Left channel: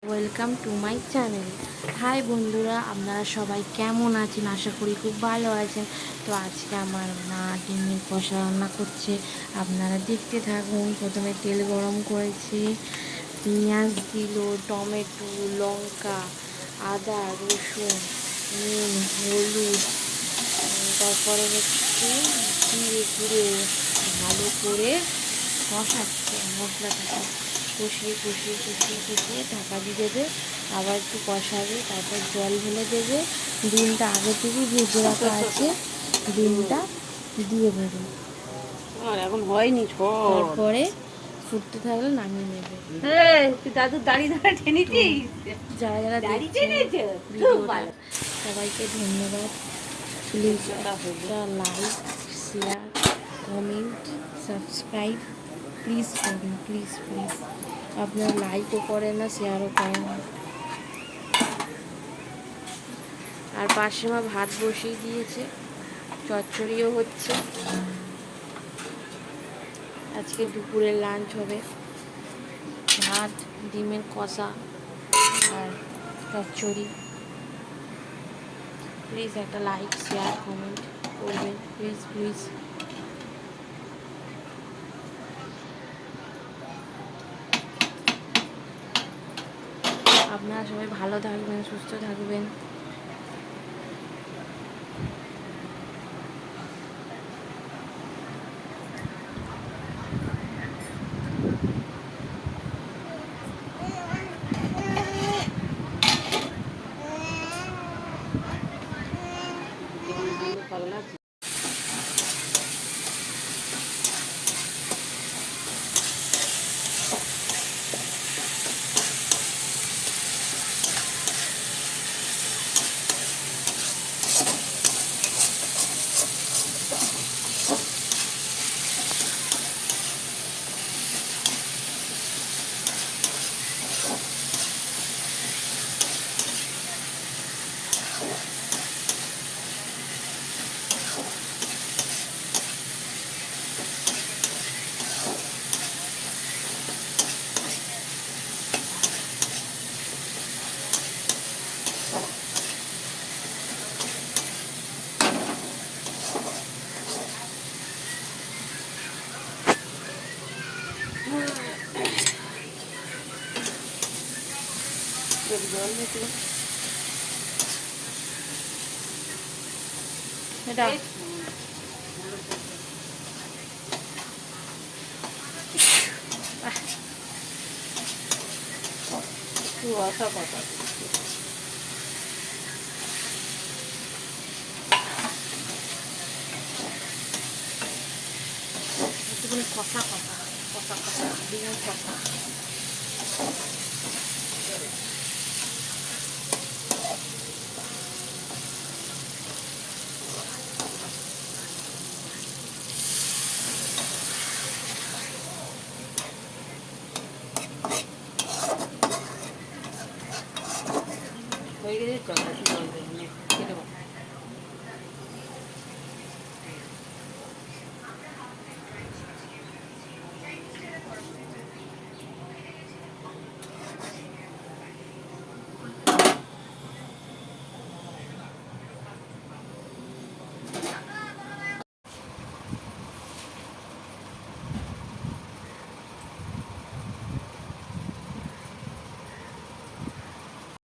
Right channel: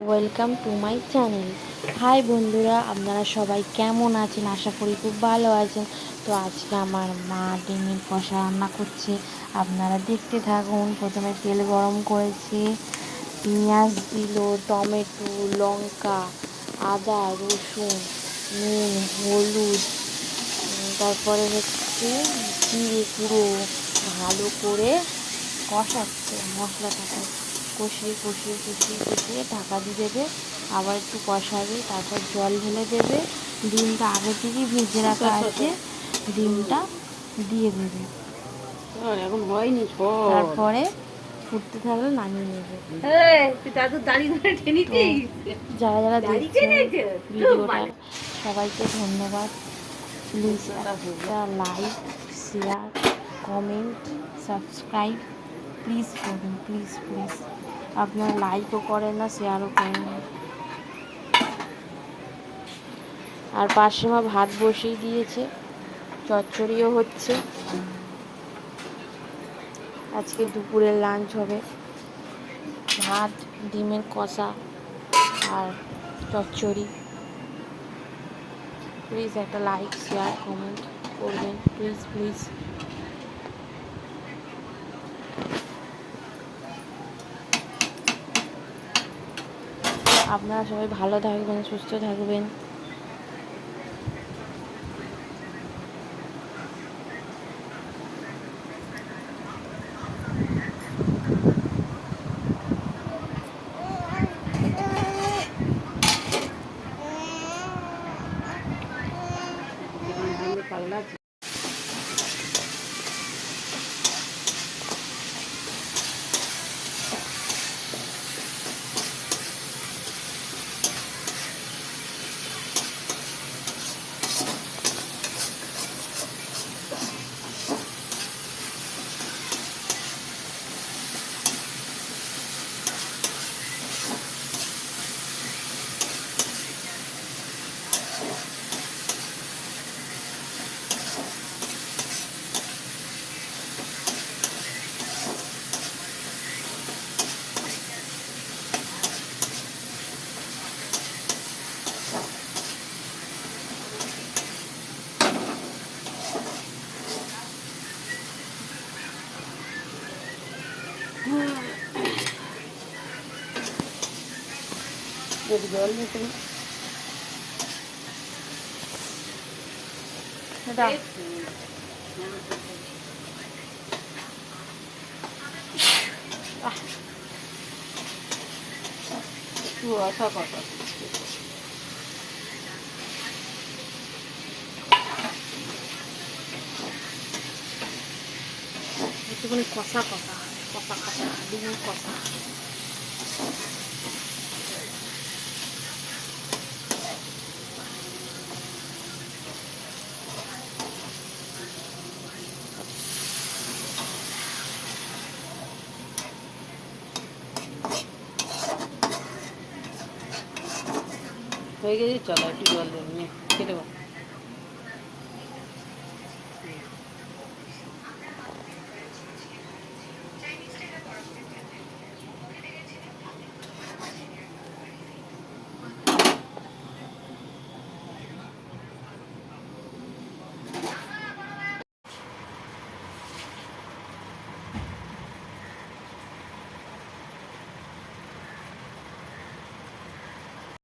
Welcome to my channel. Hi বন্ধুরা, আপনারা সবাই কেমন আছেন? আশা করি খুব ভালো আছেন। তো আজকে আমার মা ডিমের কষা রান্না করছে, আপনারা দেখতে থাকুন। প্রথমে তেল গরম করেছি, পেঁয়াজ দিল, টমেটো, লঙ্কা, আদা, রসুন, নুন, হলুদ, তারপরে হচ্ছে জিরে গুঁড়ো ভালো করে কষাচ্ছে মশলাটাকে। কষিয়ে কষিয়ে কষিয়ে কষিয়ে ঢাকা দিয়ে দেবে, আবার একটু কষাবে, তারপর জল ঢেলে দেবে। ডিমটা আগে থেকেই ভেজে রাখা আছে, ডিমটা দিয়ে দেবে। এখন হয়নি, তারপরে ফুটতে থাকলে নামিয়ে নেবে। দাদু দাঁড়িয়ে টেনেছিস, যারা যারা দেখছেন ভিডিওটা সবাইকে ধন্যবাদ। প্লিজ একটা like, share, comment, subscribe please করুন, প্লিজ প্লিজ। আপনারা লাইকও করেন না, শেয়ারও করেন না। আর পাশে মা ভাত বসিয়ে দিয়েছে, চচ্চড়িও হচ্ছে। আজকে দুপুরের লাঞ্চ হবে ভাত, ডিমের কষা আর চচ্চড়ি। প্লিজ একটা লাইক, শেয়ার, কমেন্ট করবেন, প্লিজ প্লিজ। আপনারা সবাই ভালো থাকবেন, সুস্থ থাকবেন। পাগলা। জল নিতে এটা একটু রসা কথা। একটুখানি কষা কষা কষা কষা ডিমের কষা। হয়ে গেছে, চলো একটু জল দেবো, খেতে